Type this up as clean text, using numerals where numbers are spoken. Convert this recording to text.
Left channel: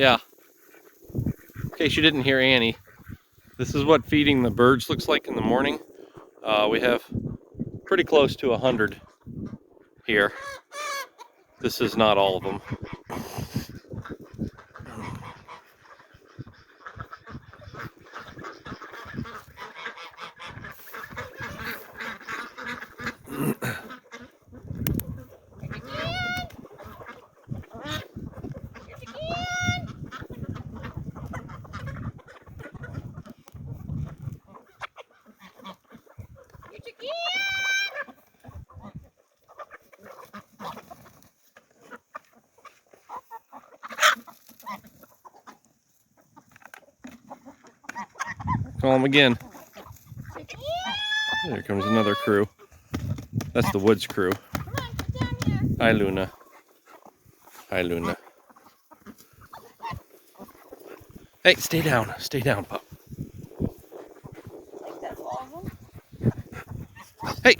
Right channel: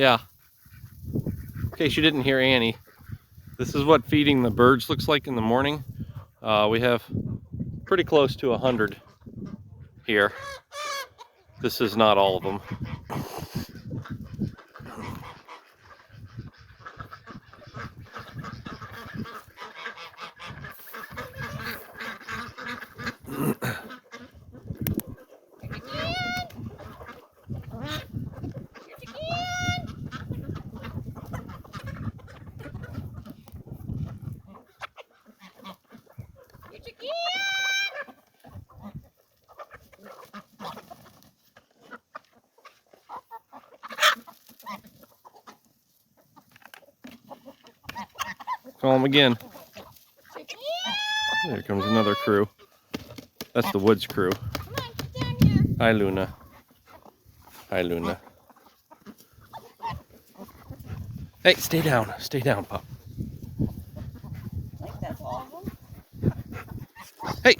Yeah. In case you didn't hear Annie, this is what feeding the birds looks like in the morning. We have pretty close to 100 here. This is not all of them. Call them again. There comes another crew. That's the Woods crew. Hi, Luna. Hi, Luna. Hey, stay down. Stay down, pup. Hey!